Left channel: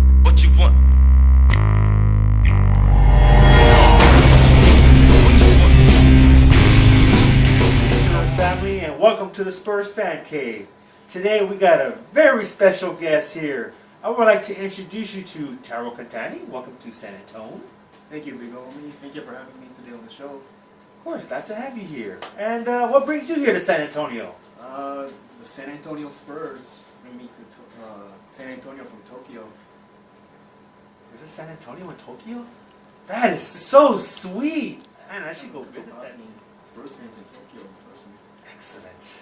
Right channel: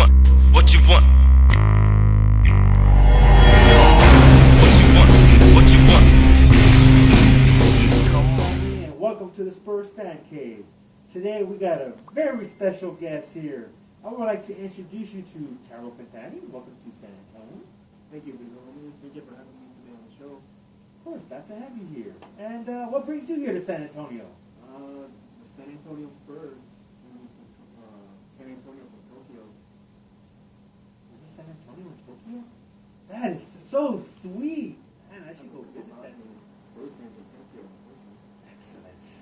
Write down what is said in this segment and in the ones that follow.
want? What you want? Hello, family, and welcome to the Spurs Fan Cave. Today we got a very special guest here. I would like to introduce you to Taro Cantani. Welcome to San Antonio. Thank you, big homie. Thank you for having me today on the show. Of course, glad to have you here. And what brings you here to San Antonio? The San Antonio Spurs bring me to San Antonio from Tokyo. Is it San Antonio in Tokyo? That is so sweet. Man, I should go visit that. Spurs fans in Tokyo in person. Excellent.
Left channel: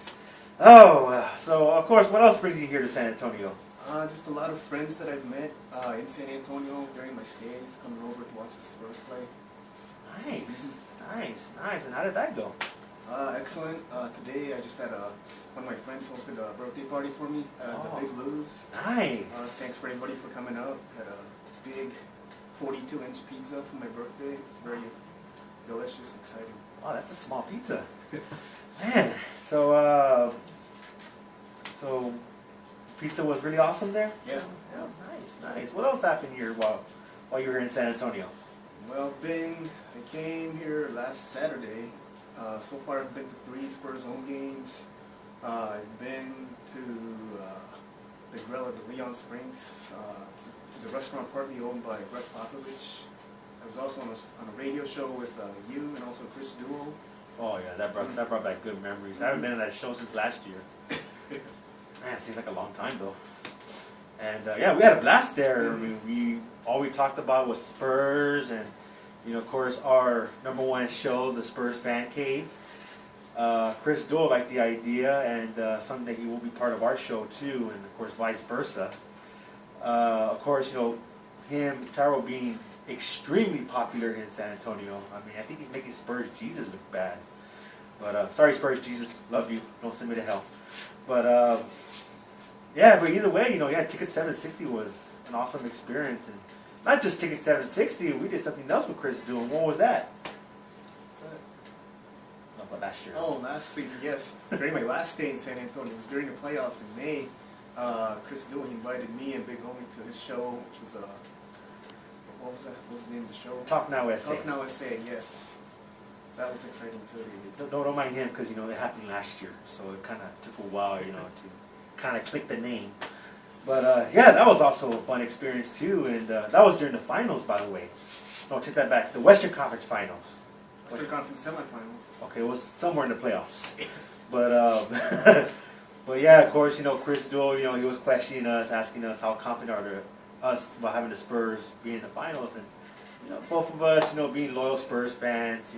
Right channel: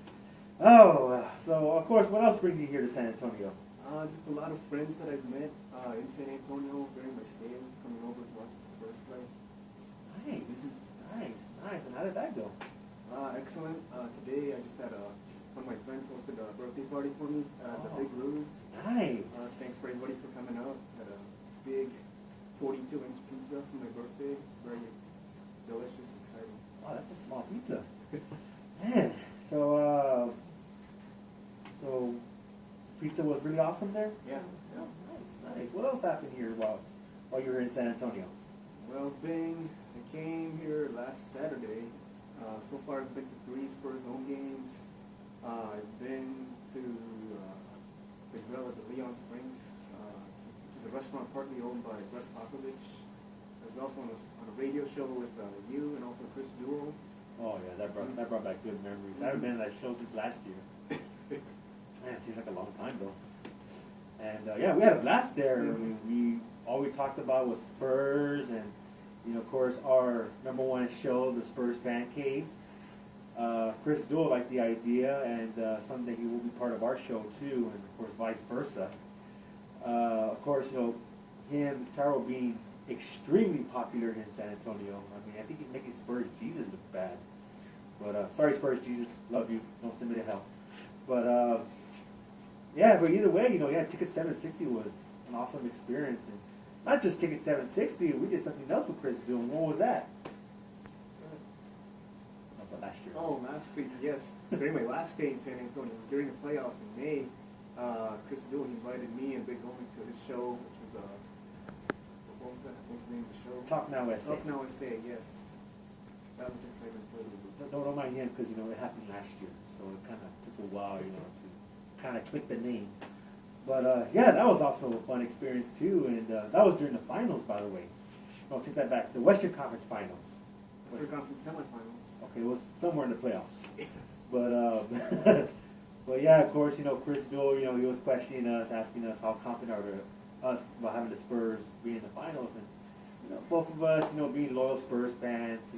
Oh, so of course, what else brings you here to San Antonio? Just a lot of friends that I've met in San Antonio during my stays, coming over to watch the Spurs play. Nice. And how did that go? Excellent. Today I just had one of my friends hosted a birthday party for me at the Big Lou's. Nice. Thanks for everybody for coming out. Had a big 42-inch pizza for my birthday. It's very delicious, exciting. Oh, that's a small pizza. Man, so pizza was really awesome there? Yeah. Nice. What else happened here while you were in San Antonio? Well, I came here last Saturday. So far I've been to 3 Spurs home games. I've been to the Grill at the Leon Springs. It's a restaurant partly owned by Brett Popovich. I was also on a radio show with you and also Chris Duo. Oh yeah, that brought back good memories. I haven't been on that show since last year. Man, it seems like a long time though. And yeah, we had a blast there. I mean, all we talked about was Spurs, and of course, our #1 show, the Spurs Fan Cave. Chris Duo liked the idea, and someday he will be part of our show too, and of course, vice versa. Of course, him, Taro, being extremely popular in San Antonio. I mean, I think he's making Spurs Jesus look bad. But sorry, Spurs Jesus, love you. Don't send me to hell. But yeah, but either way, Ticket 760 was an awesome experience, and not just Ticket 760. We did something else with Chris doing. What was that? What's that? How about last year? Oh, last season, yes. During my last stay in San Antonio, it was during the playoffs in May. Chris Duo, he invited me and Big Homie to his show, which was what was that? What was the name of the show? Talk Now SA. Talk Now SA, yes. That was exciting too. Don't mind him because it happened last year, so it kind of took a while, to kind of click the name. But yeah, that was also a fun experience too, and that was during the finals, by the way. No, take that back. The Western Conference Finals. Western Conference semifinals. Okay, it was somewhere in the playoffs. But but yeah, of course, Chris Duo, he was questioning us, asking us how confident are us about having the Spurs be in the finals, and both of us, being loyal Spurs fans,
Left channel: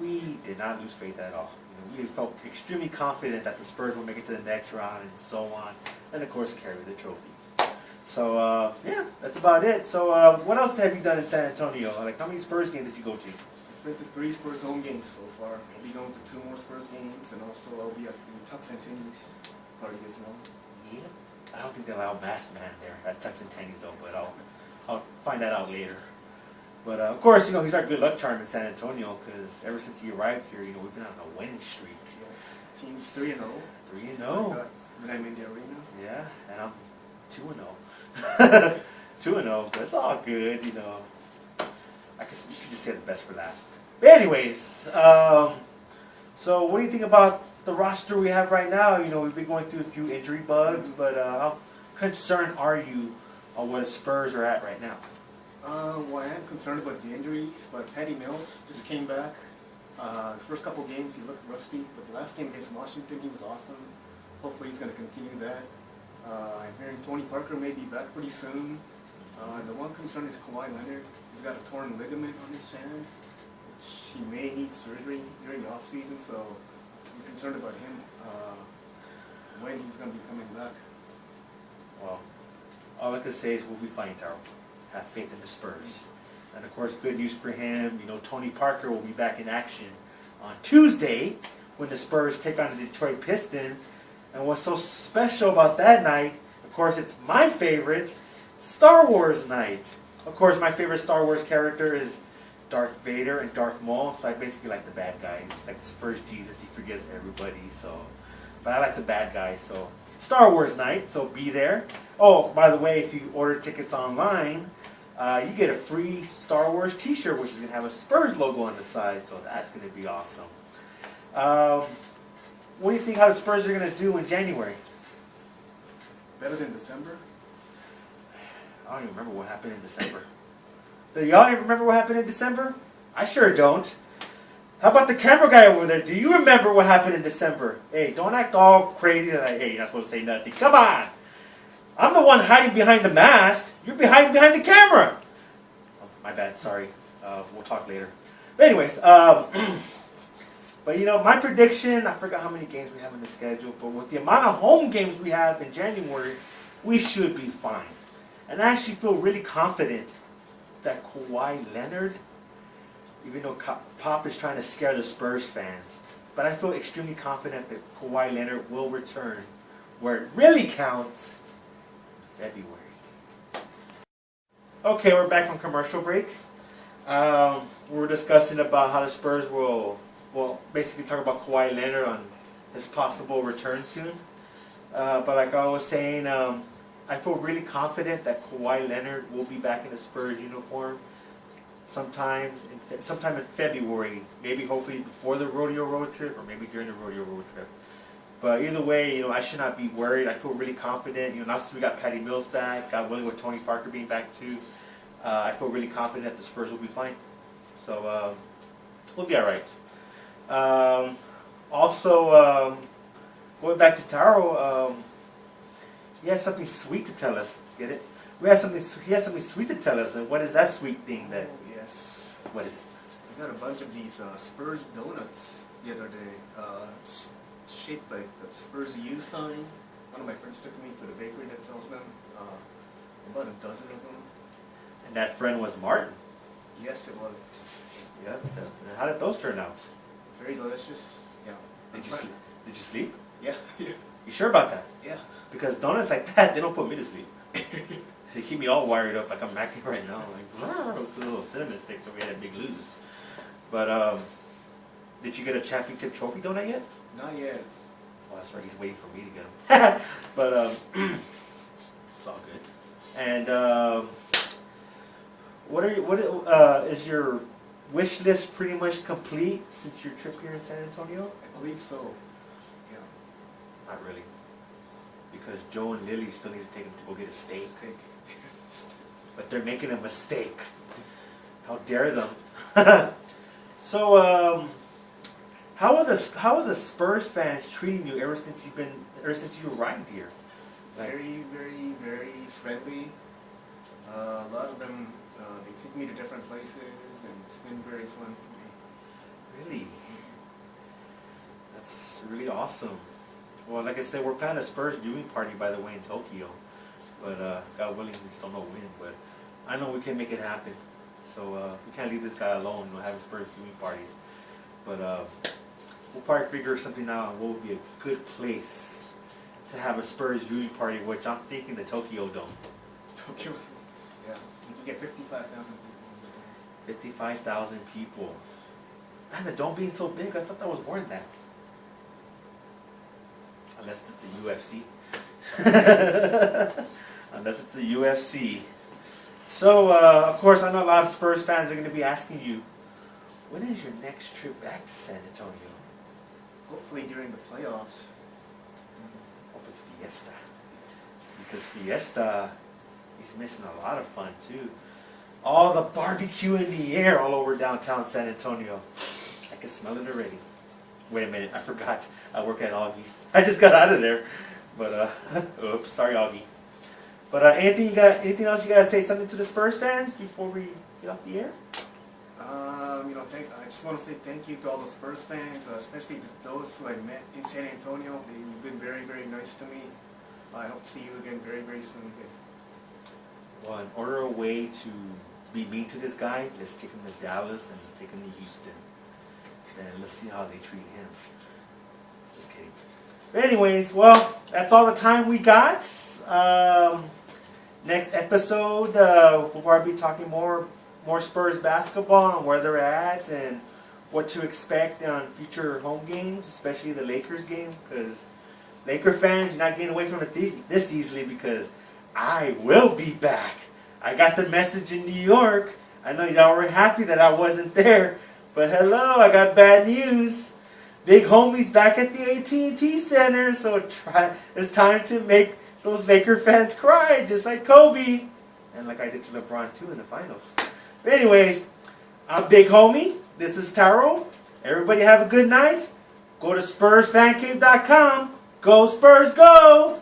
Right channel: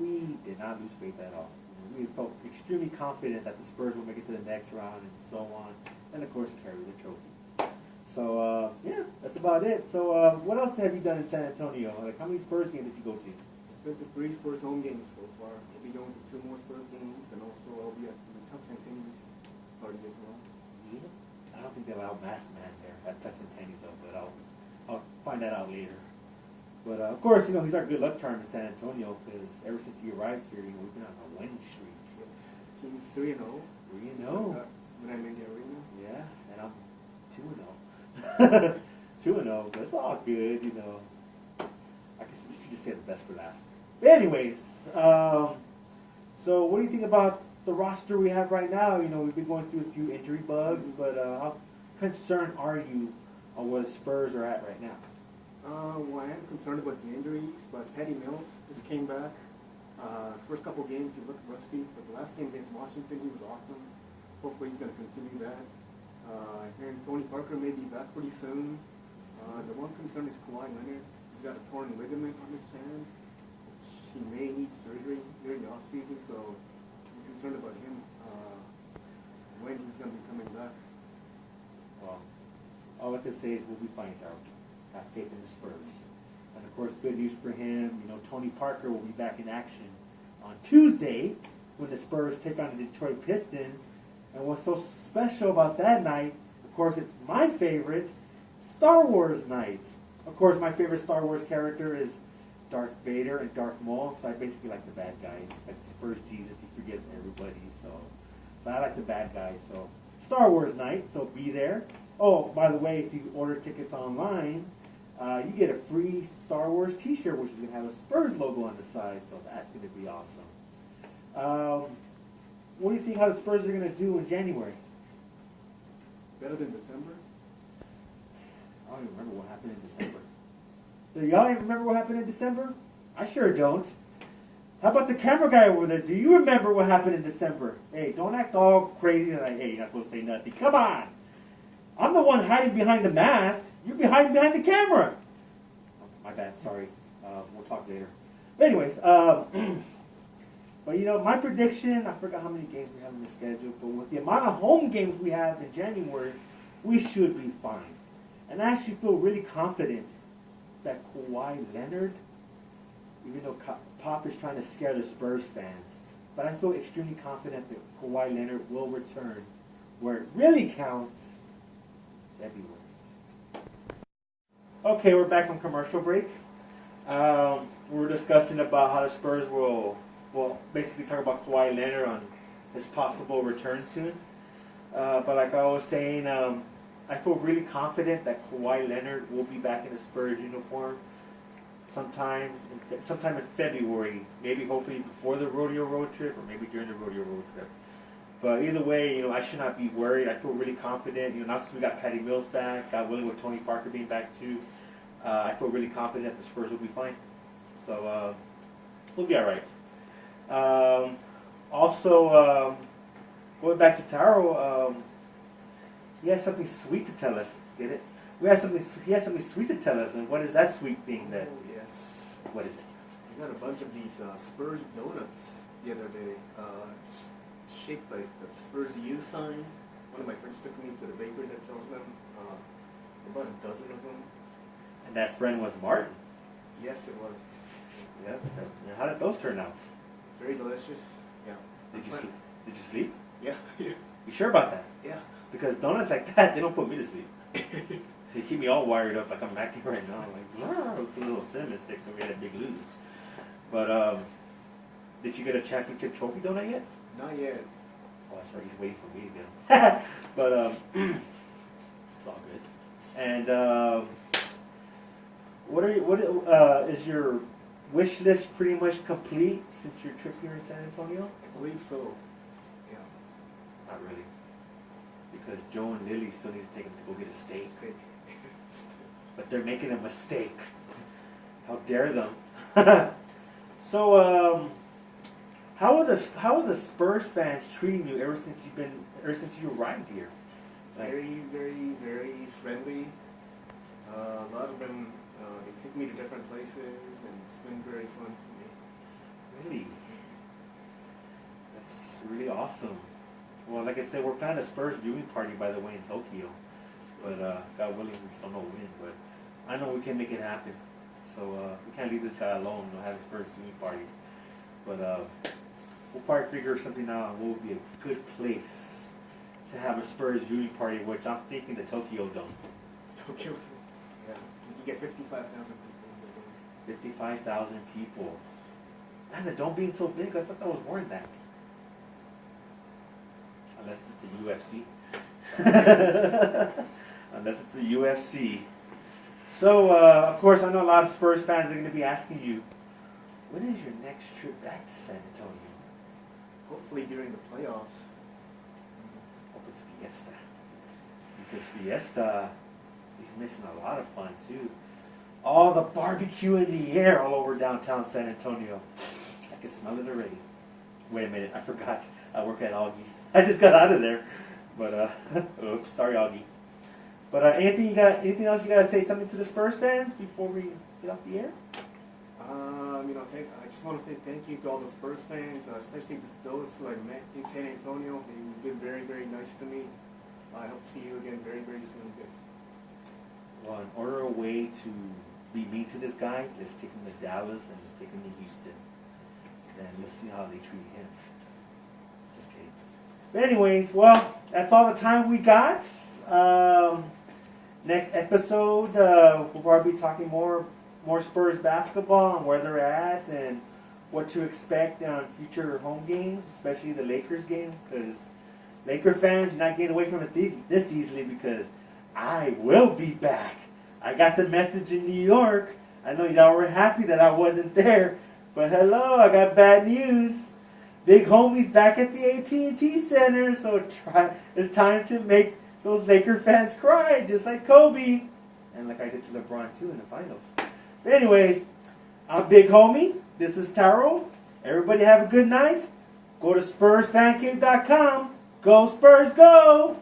we did not lose faith at all. We felt extremely confident that the Spurs would make it to the next round and so on, and of course carry the trophy. So yeah, that's about it. So what else have you done in San Antonio? Like, how many Spurs games did you go to? Been to 3 Spurs home games so far. Maybe going to 2 more Spurs games, and also I'll be at the Tux and Tennies party as well. Yeah, I don't think they allow masked man there at Tux and Tennies though, but I'll find that out later. But of course, he's our good luck charm in San Antonio because ever since he arrived here, we've been on a winning streak. Yes, team's 3-0. 3-0. And I'm in the arena. Yeah, and I'm 2-0. 2-0, but it's all good, I guess you should just say the best for last. But anyways, so what do you think about the roster we have right now? We've been going through a few injury bugs, but how concerned are you on where the Spurs are at right now? Well, I am concerned about the injuries, but Patty Mills just came back. His first couple games he looked rusty, but the last game against Washington he was awesome. Hopefully he's going to continue that. I'm hearing Tony Parker may be back pretty soon. The one concern is Kawhi Leonard. He's got a torn ligament on his hand, which he may need surgery during the offseason, so I'm concerned about him when he's going to be coming back. Well, all I can say is we'll be fine, Taro. Have faith in the Spurs. And of course, good news for him, Tony Parker will be back in action on Tuesday when the Spurs take on the Detroit Pistons. And what's so special about that night, of course, it's my favorite, Star Wars night. Of course, my favorite Star Wars character is Darth Vader and Darth Maul, so I basically like the bad guys. Like the Spurs Jesus, he forgives everybody, so. But I like the bad guys, so Star Wars night, so be there. Oh, by the way, if you order tickets online, you get a free Star Wars t-shirt, which is going to have a Spurs logo on the side, so that's going to be awesome. What do you think how the Spurs are going to do in January? Better than December? I don't even remember what happened in December. Do y'all even remember what happened in December? I sure don't. How about the camera guy over there? Do you remember what happened in December? Hey, don't act all crazy like, hey, you're not supposed to say nothing. Come on. I'm the one hiding behind the mask. You're hiding behind the camera. Oh, my bad, sorry. We'll talk later. But anyways, but you know, my prediction, I forgot how many games we have in the schedule, but with the amount of home games we have in January, we should be fine. And I actually feel really confident that Kawhi Leonard, even though Pop is trying to scare the Spurs fans, but I feel extremely confident that Kawhi Leonard will return where it really counts, February. Okay, we're back from commercial break. We're discussing about how the Spurs will basically talk about Kawhi Leonard on his possible return soon. But like I was saying, I feel really confident that Kawhi Leonard will be back in the Spurs uniform sometime in February, maybe hopefully before the rodeo road trip or maybe during the rodeo road trip. But either way, you know, I should not be worried. I feel really confident. You know, now since we got Patty Mills back, God willing with Tony Parker being back too, I feel really confident that the Spurs will be fine. So we'll be all right. Also, going back to Taro, he has something sweet to tell us. Get it? He has something sweet to tell us. And what is that sweet thing that? Oh, yes. What is it? I got a bunch of these Spurs donuts the other day, shaped like the Spurs U sign. One of my friends took me to the bakery that sells them. About a dozen of them. And that friend was Martin. Yes, it was. Yeah. How did those turn out? Very delicious. Yeah. Did you sleep? Yeah. Yeah. You sure about that? Yeah. Because donuts like that, they don't put me to sleep. They keep me all wired up like I'm acting right now. Like, with the little cinnamon sticks that we had big lose. But, did you get a championship trophy donut yet? Not yet. Oh, that's right. He's waiting for me to get them. But, it's all good. And, is your wish list pretty much complete since your trip here in San Antonio? I believe so. Yeah. Not really. Because Joe and Lily still need to take him to go get a steak. But they're making a mistake. How dare them? So, how are the Spurs fans treating you ever since you arrived here? Very, very, very friendly. A lot of them, they take me to different places, and it's been very fun for me. Really? That's really awesome. Well, like I said, we're planning a Spurs viewing party, by the way, in Tokyo. But God willing, we still don't know when. But I know we can make it happen. So we can't leave this guy alone, having Spurs viewing parties. But we'll probably figure something out. What would be a good place to have a Spurs viewing party? Which I'm thinking the Tokyo Dome. Tokyo. Yeah. You can get 55,000 people. 55,000 people. Man, the dome being so big, I thought that was more than that. Unless it's the UFC. Unless it's the UFC. So, of course, I know a lot of Spurs fans are going to be asking you, when is your next trip back to San Antonio? Hopefully during the playoffs. Hope it's Fiesta. Because Fiesta, he's missing a lot of fun, too. All the barbecue in the air all over downtown San Antonio. I can smell it already. Wait a minute, I forgot. I work at Augie's. I just got out of there. But, oops, sorry, Augie. But anything else you gotta say something to the Spurs fans before we get off the air? I just want to say thank you to all the Spurs fans, especially to those who I met in San Antonio. You've been very, very nice to me. I hope to see you again very, very soon. Well, in order a way to be mean to this guy, let's take him to Dallas and let's take him to Houston. And let's see how they treat him. Just kidding. But anyways, well, that's all the time we got. Next episode, we'll probably be talking more Spurs basketball and where they're at and what to expect on future home games, especially the Lakers game, because Laker fans, you're not getting away from it this easily because I will be back. I got the message in New York. I know y'all were happy that I wasn't there, but hello, I got bad news. Big homie's back at the AT&T Center, so it's time to make those Laker fans cry, just like Kobe, and like I did to LeBron too in the finals. But anyways, I'm Big Homie. This is Taro. Everybody have a good night. Go to SpursFanCave.com. Go Spurs, go!